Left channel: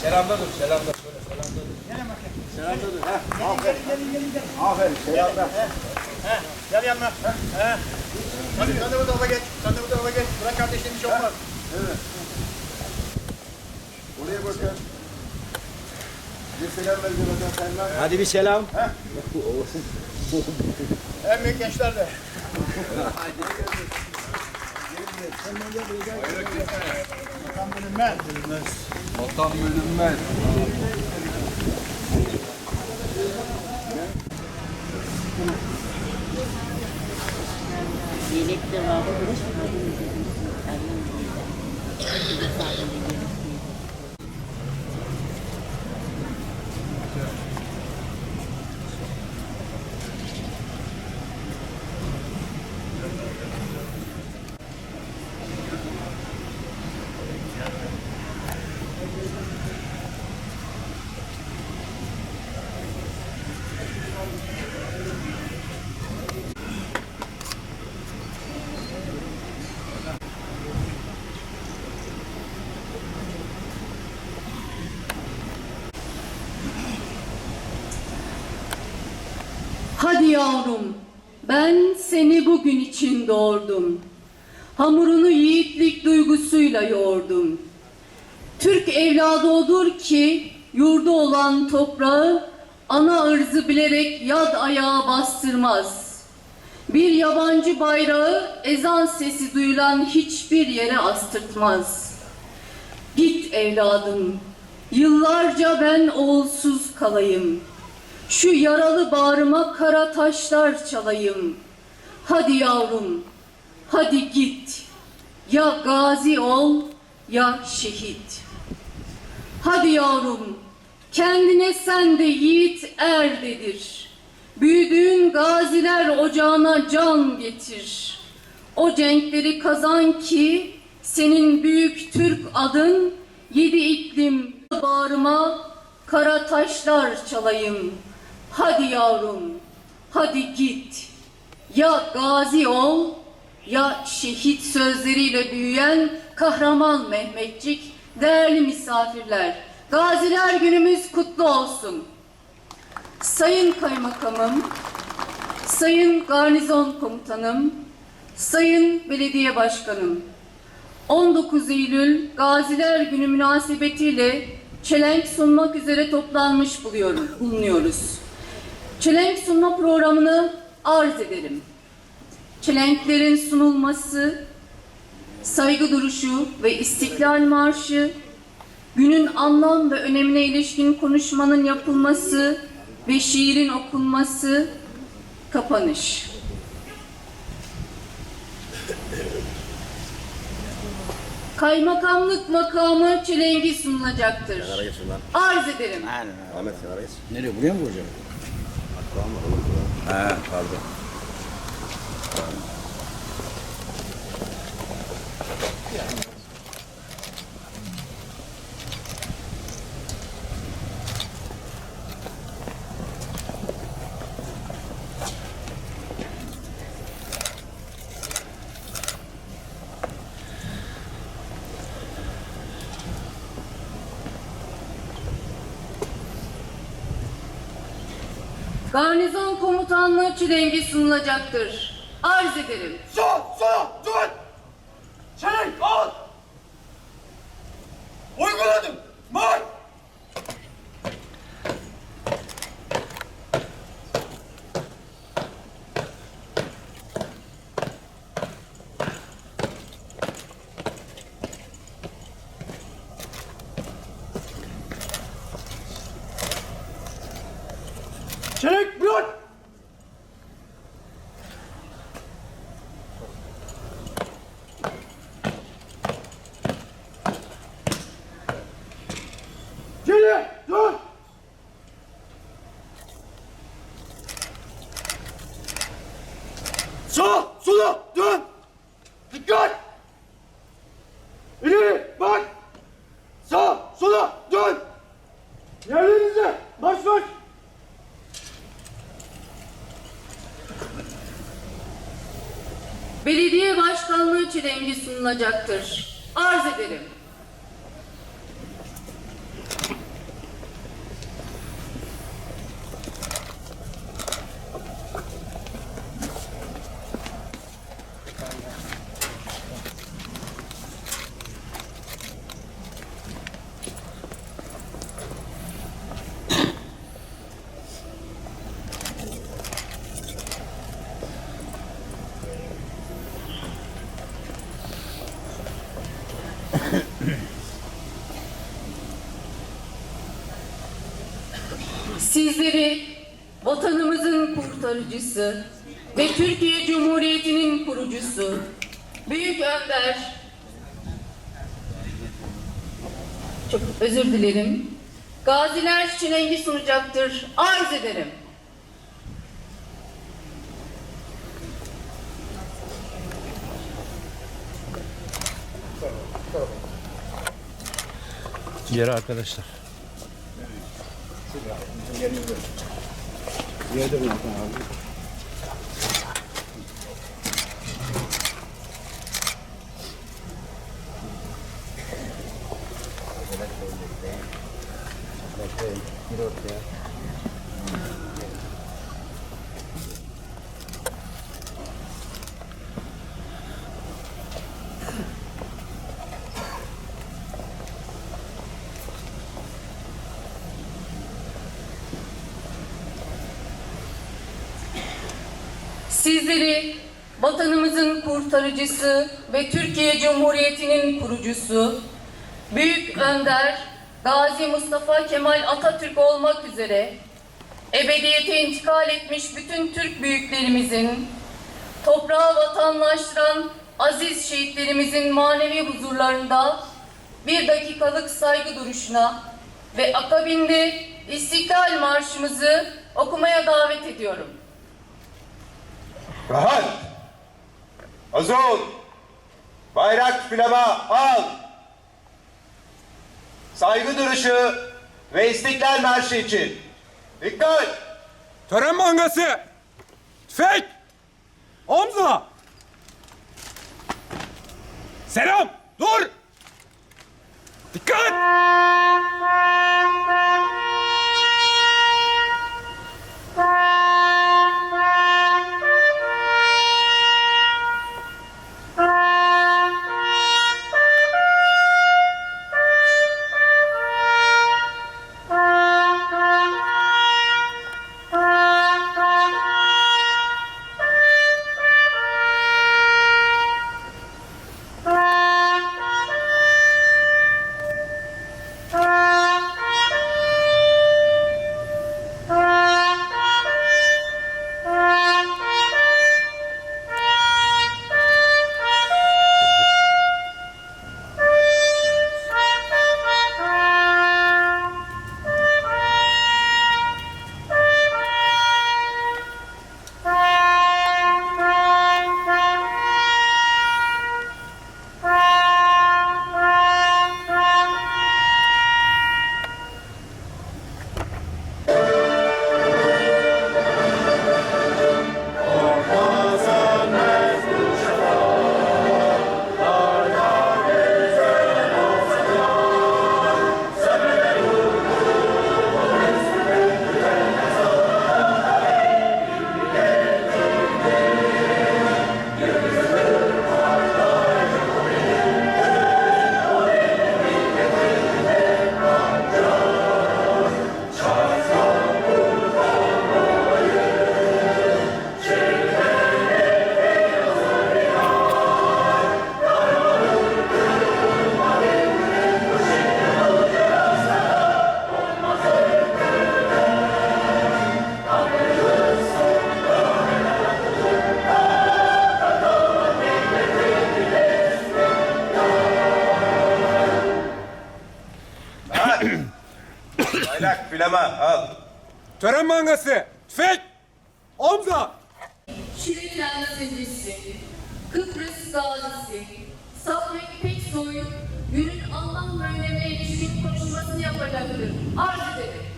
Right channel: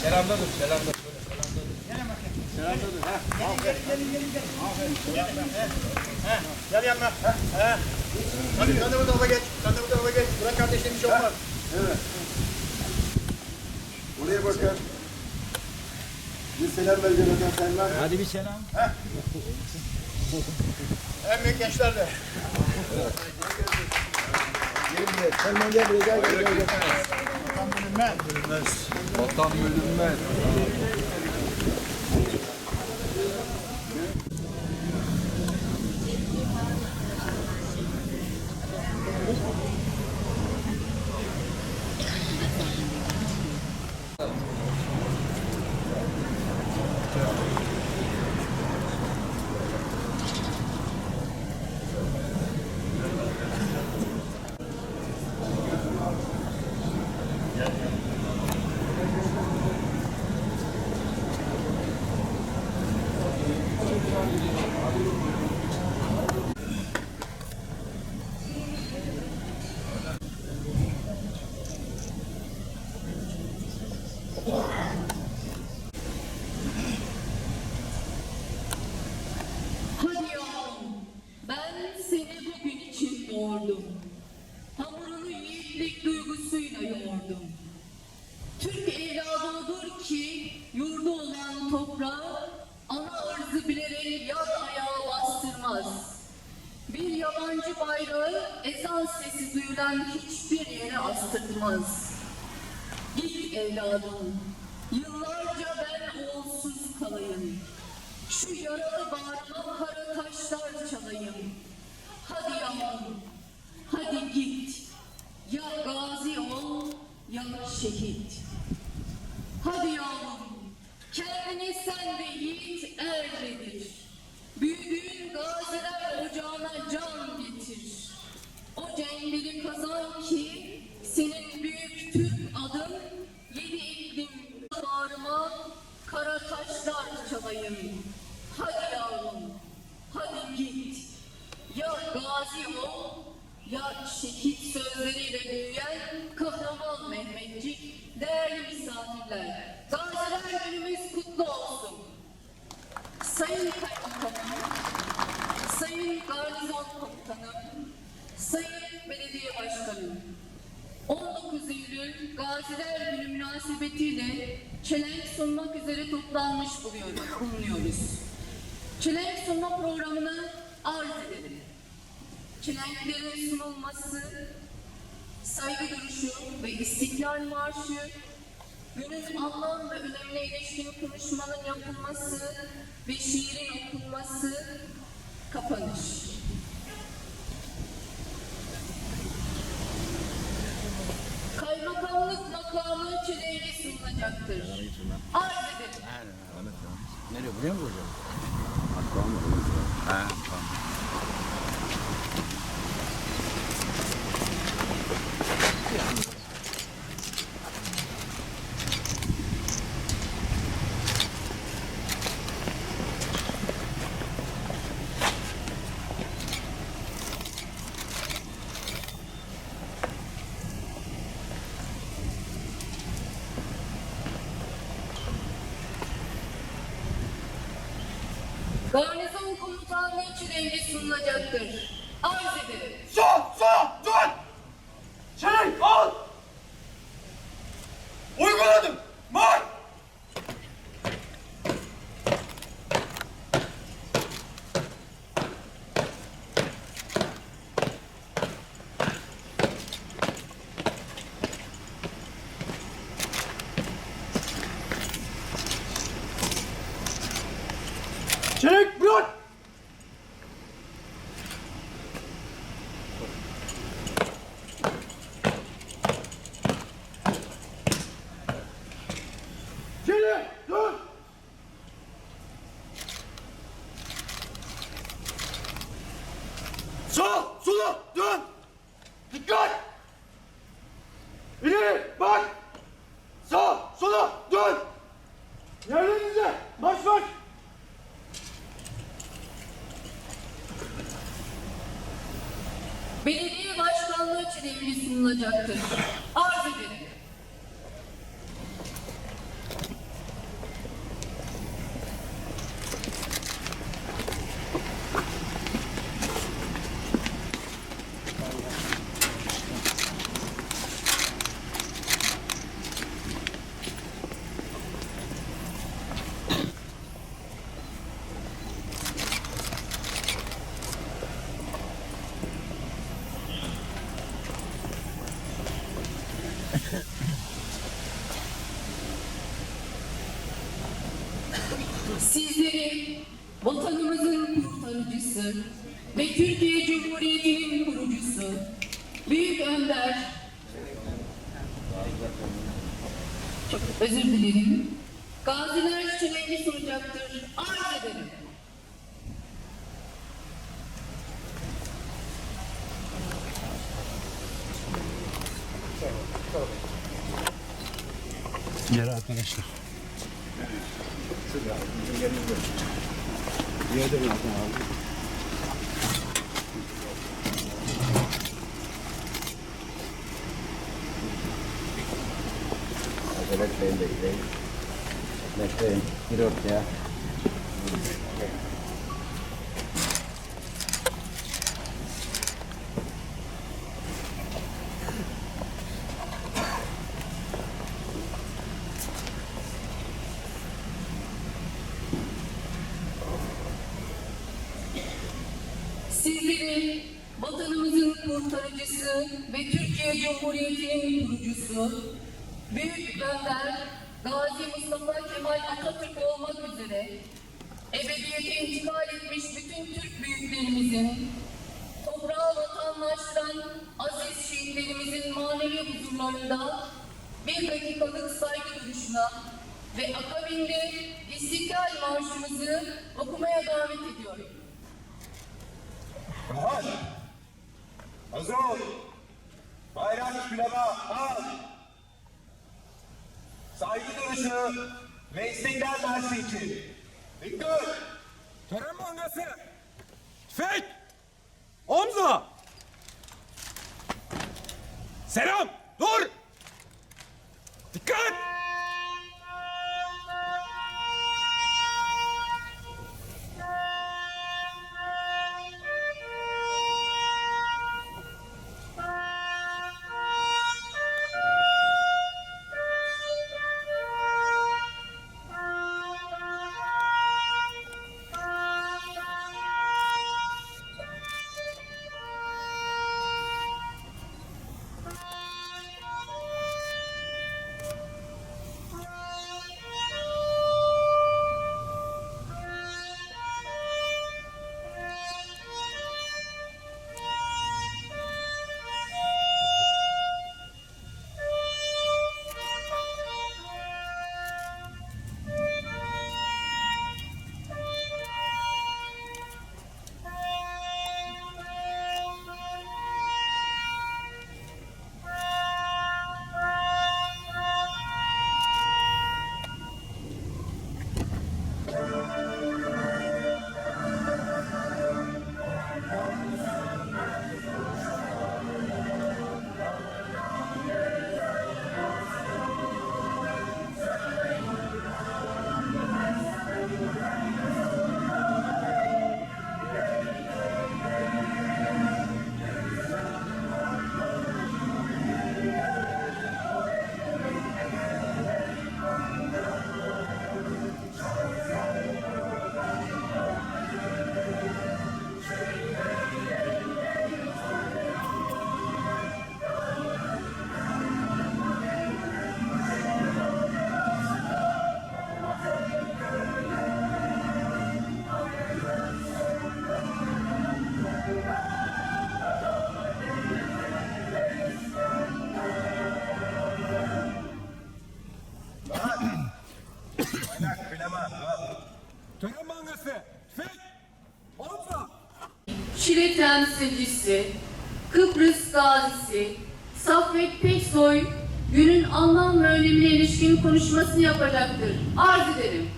Selamda dur, selamda dur. Selamda dur. Selamda dur. Heh, aferin. Aferin, selamda. Gel yanına. He. Hadi sen de bu tarafa geç. Sen de bu tarafa geç. Bırak kardeşim bir şey olmaz. Evet. Buraya bakın. Bir selam vereceğim efendim Selman. Hadi bir selam. En büyük gençler de. Selman gel buraya gel. Tam bölünmez. Vatan bölünmez. Yelek de var. Hadi yavrum, ben seni bugün için doğurdum. Hamurunu yiğitlik duygusuyla yoğurdum. Türk evladı odur ki yurdu olan toprağı ana ırzı bilerek yad ayağa bastırmaz. Bir yabancı bayrağı ezan sesi duyulan hiçbir yere astırtmaz. Git evladım, yıllarca ben oğulsuz kalayım. Şu yaralı bağrıma kara taşlar çalayım. Hadi yavrum, hadi git. Ya gazi ol ya şehit. Hadi yavrum, kendine sen de yiğit er dedir. Büyüdüğün gaziler ocağına can getir. O cenkleri kazan ki senin büyük Türk adın yedi iklim bağrıma kara taşlar çalayım. Hadi yavrum, hadi git. Ya gazi ol ya şehit sözleriyle büyüyen kahraman Mehmetçik, değerli misafirler. Gaziler günümüz kutlu olsun. Sayın Kaymakamım, Sayın Garnizon Komutanım, Sayın Belediye Başkanım, 19 Eylül Gaziler Günü münasebetiyle çelenk sunmak üzere toplanmış buluyorum, bulunuyoruz. Çelenk sunma programını arz edelim. Çelenklerin sunulması, saygı duruşu ve istiklal marşı, günün anlam ve önemine ilişkin konuşmanın yapılması ve şiirin okunması, kapanış. Kaymakamlık makamı çelengi sunulacaktır. Arz ederim. Ahmet Sarayız. Nereye buraya mı vuracağım? Hatta mı? He pardon. Garnizon komutanlığı çilengi sunulacaktır. Arz ederim. Sol, sol, belediye başkanlığı çelengi sunulacaktır. Arz ederim. Sizleri vatanımızın kurtarıcısı ve Türkiye Cumhuriyeti'nin kurucusu, Büyük Önder, çok özür dilerim, Gaziler Çelengi sunacaktır, arz ederim. Geri arkadaşlar. Yerde bırakın abi. Bekleyin, bekleyin. Bekleyin. Bir ortaya. Sizleri vatanımızın kurtarıcısı ve Türkiye Cumhuriyeti'nin kurucusu, Büyük Önder Gazi Mustafa Kemal Atatürk olmak üzere ebediyete intikal etmiş bütün Türk büyüklerimizin, toprağı vatanlaştıran aziz şehitlerimizin manevi huzurlarında bir dakikalık saygı duruşuna ve akabinde İstiklal Marşımızı okumaya davet ediyorum. Rahat. Hazır. Bayrak pilava al. Saygı duruşu ve istiklal marşı için. Dikkat. Tören mangası. Tüfek. Omza. Selam. Dur. Dikkat. Pilava al. Tören mangası. Tüfek. Omza. Şile temsilcisi, Kıbrıs gazisi, Saffet Peksoy günün anlam ve önemine ilişkin konuşmasını yapacaktır. Arz ederim.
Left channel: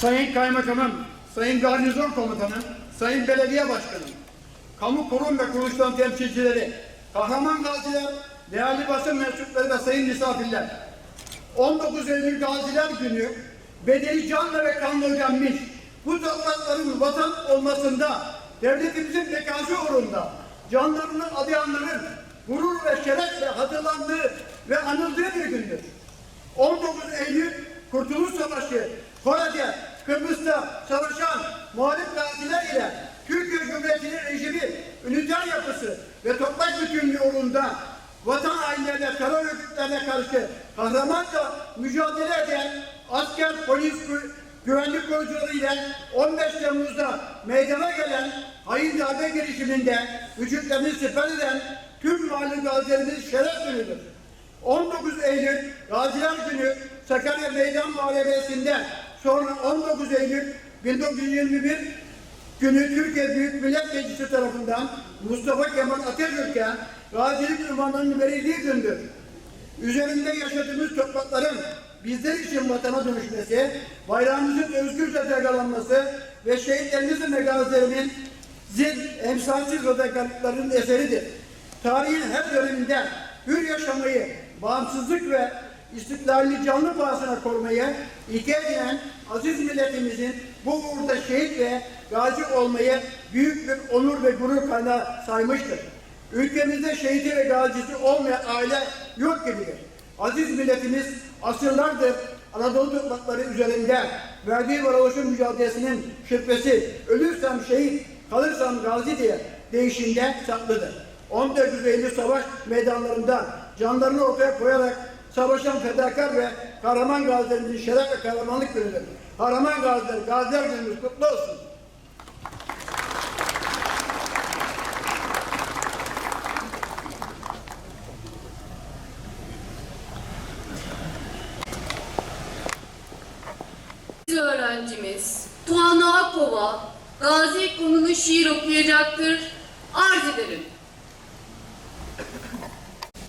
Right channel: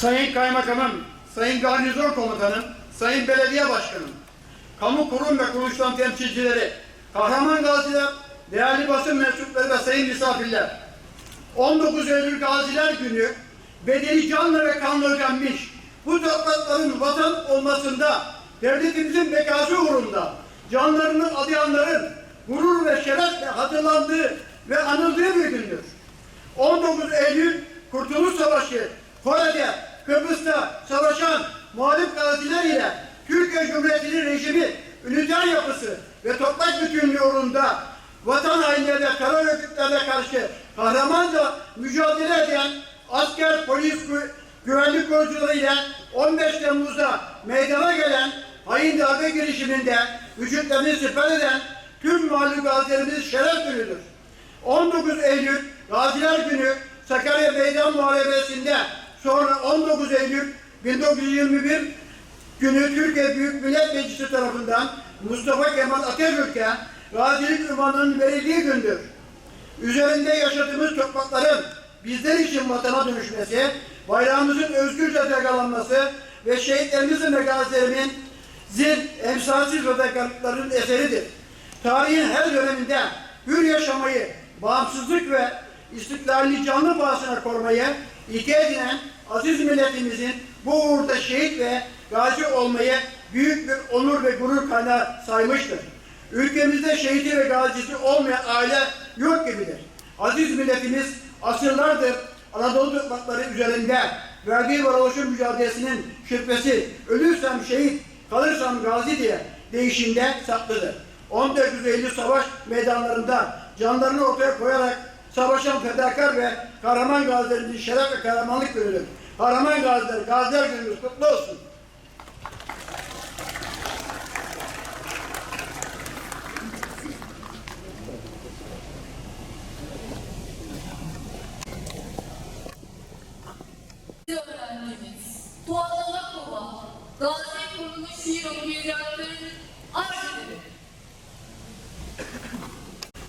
Sayın Kaymakamım, Sayın Garnizon Komutanım, Sayın Belediye Başkanım, kamu kurum ve kuruluşların temsilcileri, kahraman gaziler, değerli basın mensupları ve sayın misafirler. 19 Eylül Gaziler Günü bedeli canla ve kanla ödenmiş bu toprakların vatan olmasında devletimizin bekası uğrunda canlarını adayanların gurur ve şerefle hatırlandığı ve anıldığı bir gündür. 19 Eylül Kurtuluş Savaşı, Kore'de, Kıbrıs'ta savaşan muhalif gaziler ile Türkiye Cumhuriyeti'nin rejimi, üniter yapısı ve toprak bütünlüğü uğrunda vatan hainlerine, terör örgütlerine karşı kahramanca mücadele eden asker, polis, gü- güvenlik korucuları ile 15 Temmuz'da meydana gelen hain darbe girişiminde vücutlarını siper eden tüm mağlup gazilerimiz şeref günüdür. 19 Eylül Gaziler Günü Sakarya Meydan Muharebesi'nde sonra 19 Eylül 1921 günü Türkiye Büyük Millet Meclisi tarafından Mustafa Kemal Atatürk'e gazilik ünvanının verildiği gündür. Üzerinde yaşadığımız toprakların bizler için vatana dönüşmesi, bayrağımızın özgürce dalgalanması ve şehitlerimizin ve gazilerimizin zil, emsalsiz fedakarlıklarının eseridir. Tarihin her döneminde hür yaşamayı, bağımsızlık ve istiklalini canlı pahasına korumayı ilke edinen aziz milletimizin bu uğurda şehit ve gazi olmayı büyük bir onur ve gurur kaynağı saymıştır. Ülkemizde şehidi ve gazisi olmayan aile yok gibidir. Aziz milletimiz asırlardır Anadolu toprakları üzerinde verdiği varoluşun mücadelesinin şüphesi ölürsem şehit, kalırsam gazi diye değişimde saklıdır. 14 Eylül savaş meydanlarında canlarını ortaya koyarak savaşan fedakar ve kahraman gazilerimizin şeref ve kahramanlık günüdür. Kahraman gaziler, gaziler günümüz kutlu olsun. öğrencimiz Tuana Akova Gazi konulu şiir okuyacaktır. Arz ederim.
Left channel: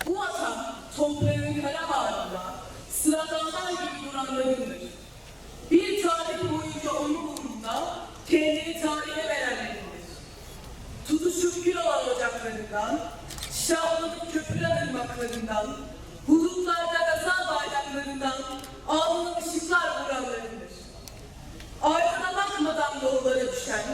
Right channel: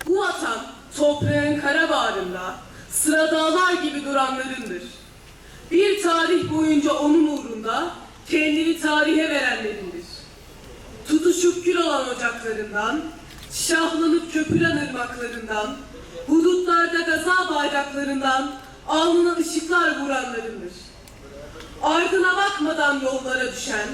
Bu vatan toprağın kara bağrında sıra dağlar gibi duranlarındır. Bir tarih boyunca onun uğrunda kendini tarihe verenlerindir. Tutuşup kül olan ocaklarından, şahlanıp köpüren ırmaklarından, hudutlarda gaza bayraklarından alnına ışıklar vuranlarındır. Ardına bakmadan yollara düşen,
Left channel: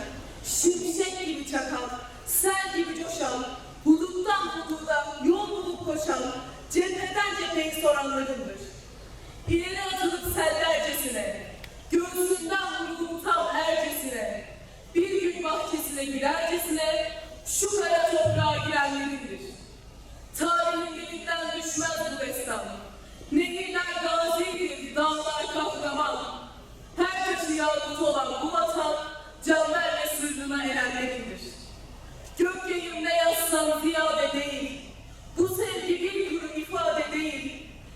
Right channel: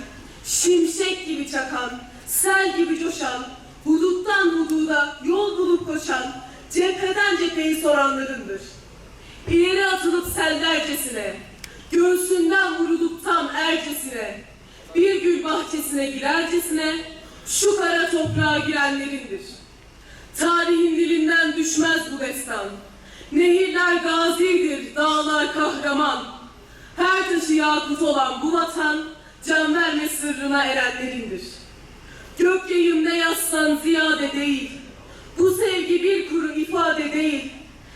şimşek gibi çakan, sel gibi coşan, huduttan hududa yol bulup koşan, cepheden cepheyi soranlarındır. İleri atılıp sellercesine, göğsünden vurulup tam ercesine, bir gül bahçesine girercesine, şu kara toprağa girenlerindir. Tarihin dilinden düşmez bu destan. Nehirler gazidir, dağlar kahraman. Her taşı yakut olan bu vatan, can verme sırrına erenlerindir. Gök yayım ne yazsan ziyade değil, bu sevgi bir kuru ifade değil.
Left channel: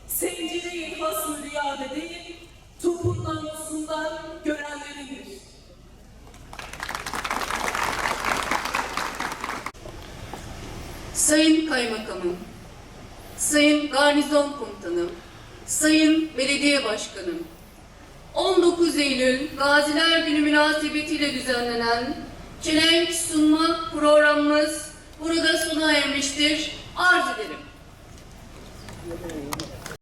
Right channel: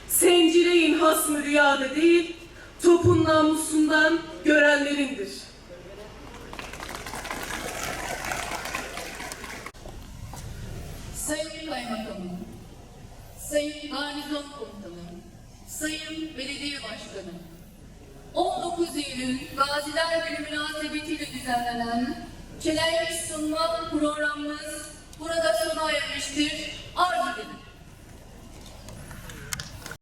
Sencireyin hasmı rüyada değil, topun namusundan görenlerindir. Sayın Kaymakamım, Sayın Garnizon Komutanım, Sayın Belediye Başkanım, 19 Eylül Gaziler Günü münasebetiyle düzenlenen çelenk sunma programımız burada sona ermiştir. Arz ederim.